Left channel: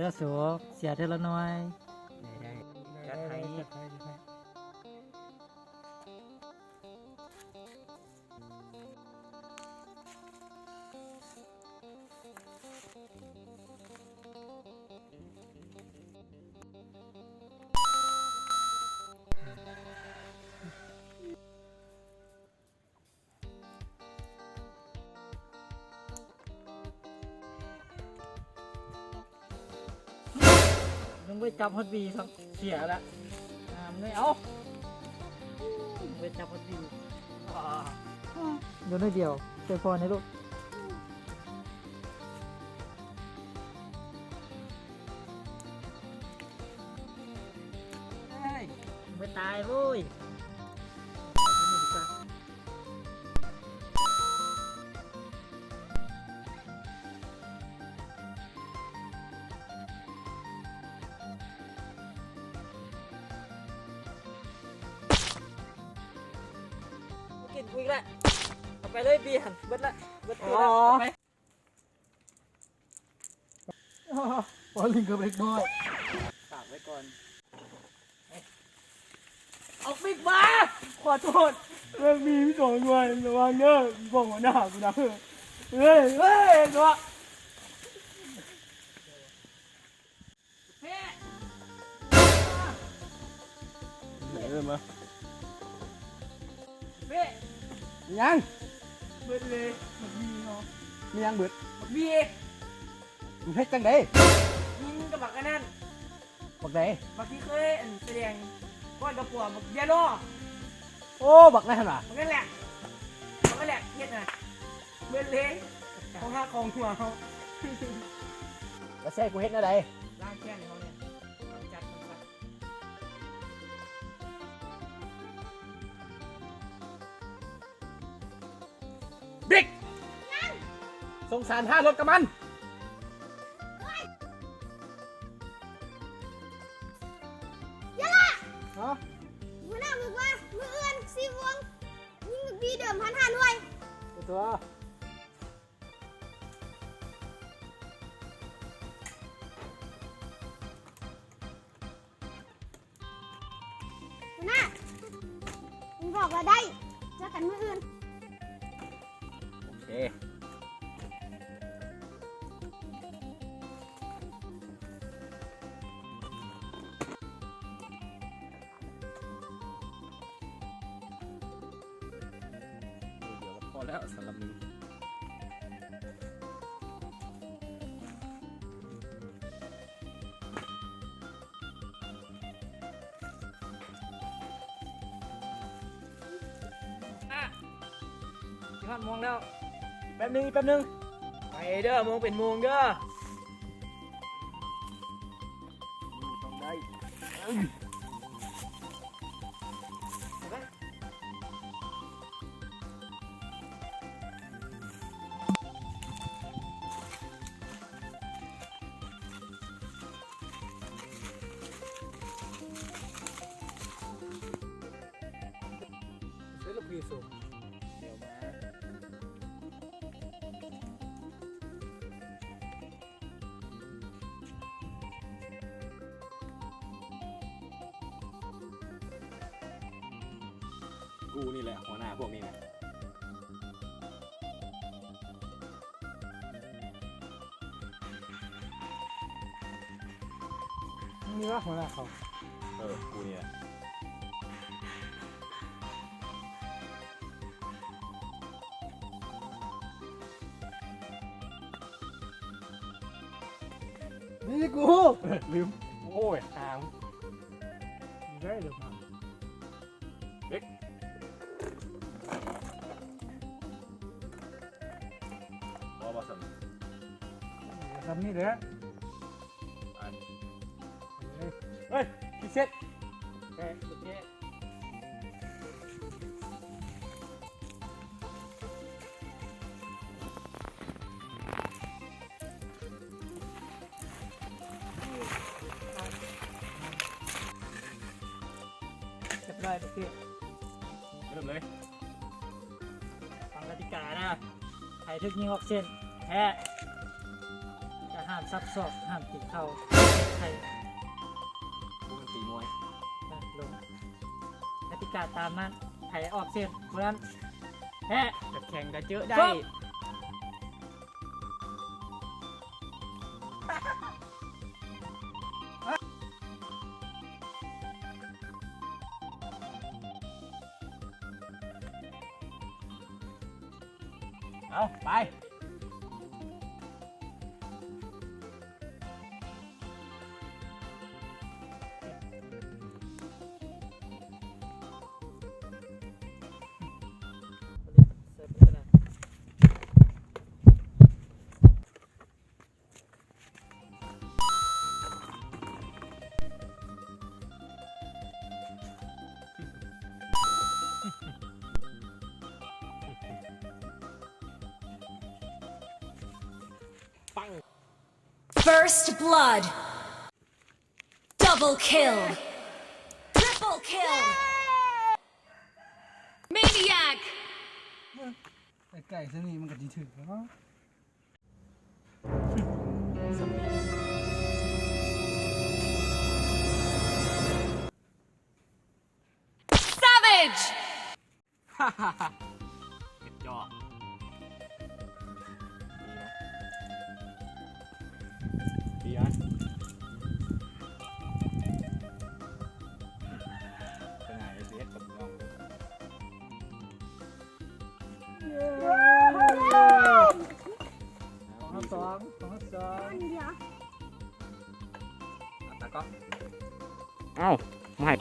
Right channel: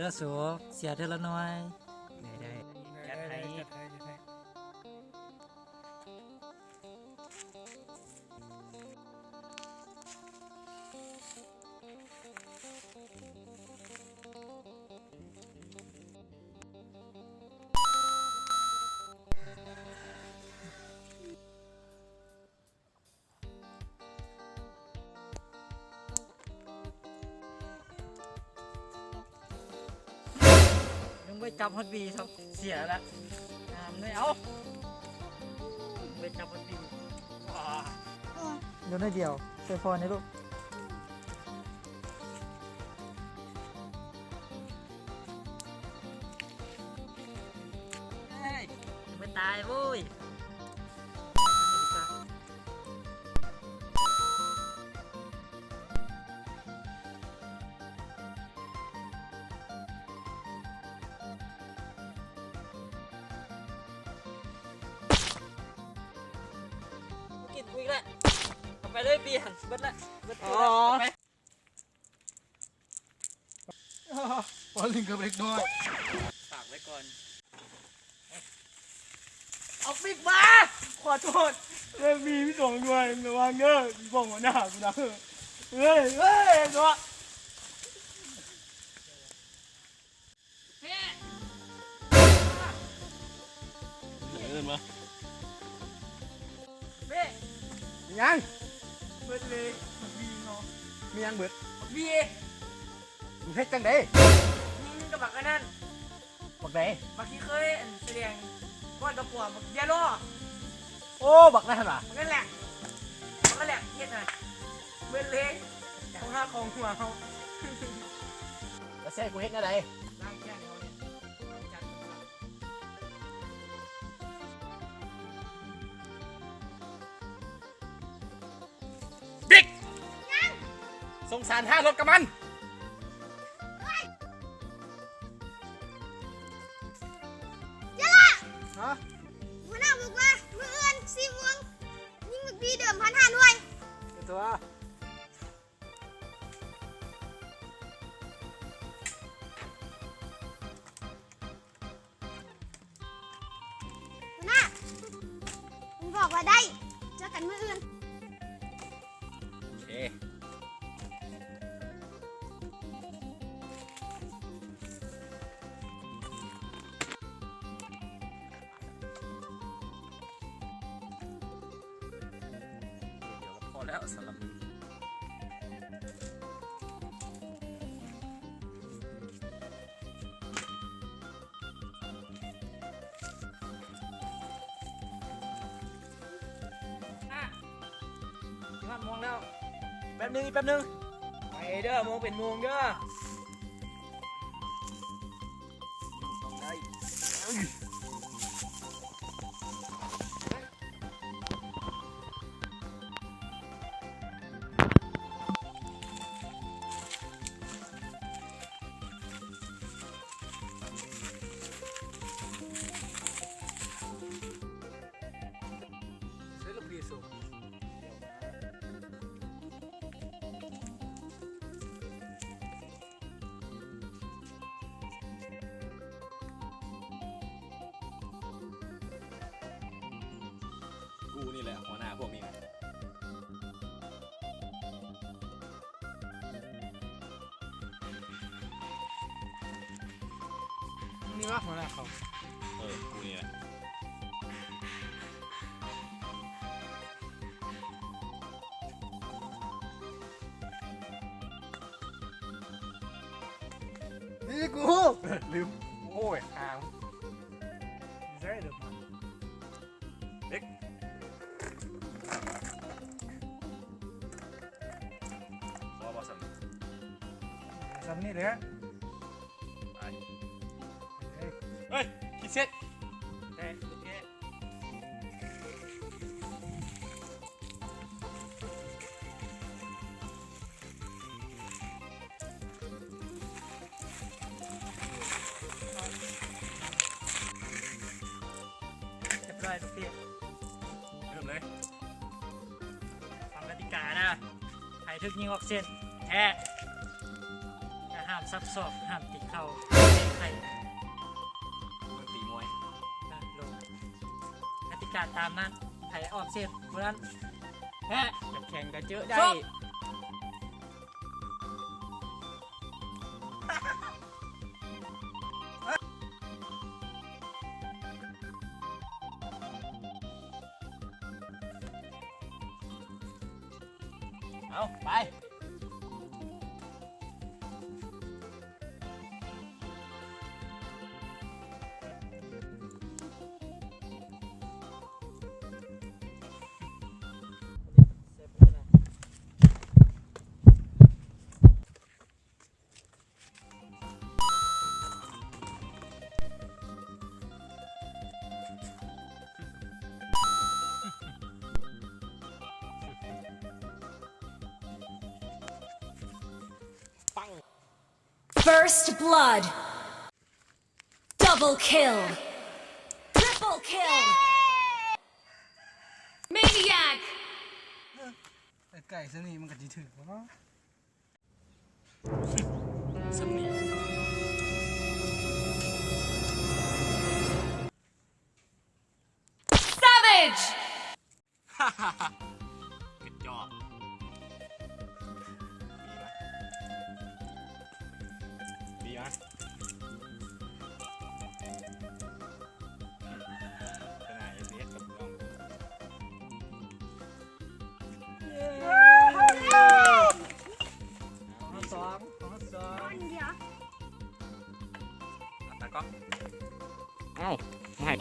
แล้วสูเสียเท่าละน้อยจัดให้มึงไปจับฮอตบีครับเสียละไม่เอาไปจับฮอตบีโดนได้เดียวเซฟอนนะลูกไม่ตายวุ้ยกินกูอีกแล้วเอาไปเลยเบียร์เบิดละเบิดตัวเอาไปบอลลิงกับเล็กน้อยฝากไว้ก่อนเอาฟิกมาขอโทษเรื่องมีพี่สองด้วยระวังเด้อบอกหัวหน้ากูนะเฮ้ยตัวเดินมาเบ้ ยังเบิดเลยมันมีเนาะ มียังเบิดมีมึงเฮ็ดจังได๋กับบักอันนั้นบักใดบักที่เคยแสดงก้อนกระป๋องบักเยลโล่ โอ้บักนั่นล่ะบักนั่นแหละเฮ็ดน่ะเบิดเลยของข้าของหัวเขา แล้วแซ่กูเฮ็ดอะไรร่างแค่นี้เขาเนี่ยจัดกันบิ๊กสงสาร5รถกับมันฮะหัวหน้าบอกว่ามือเอื้อน4 วงยิงมึกบีเดิม1,500ด้วยตัวหัวหน้ามึงบอกว่าได้เจอกันมือเอื้อนโอเคพอแล้วสำหรับมึงมองแล้วแป๊บนึงไปเด้อมองเป็นโมงเด้อใช้ลูกพีสูกูนี่แหละหัวหน้าพวกนี้นะนี่วะหัวหน้าเขากูนี่แหละนี่กูลืมโอ้ยหางได้เลยเด็กรอบอสันสันนี่เด้อเฮ้ยคิดเซ็ตโอเคได้ทุกที่เริ่มเลย ฟังกติกานะใครทึกยิงออกเส้นแพ้จะห้าม ซับซ้อนห้ามตีเข่าใคร มันตีมวย นะลงกติกาตามนั้นใครออกเสียเพราะนั้นแพ้ จะแข่งกันเยอะได้ เอาไป เสิร์ฟเลยนะ First blood. Double kill. Triple kill. Maniac. ไก่สนี่มันก็จะถึงเนาะ สมุน Savage. กระจอกดีนะขนาดเล็กกับน้อง ของสองของสอง เดี๋ยว ตาก็ เอ้าไม่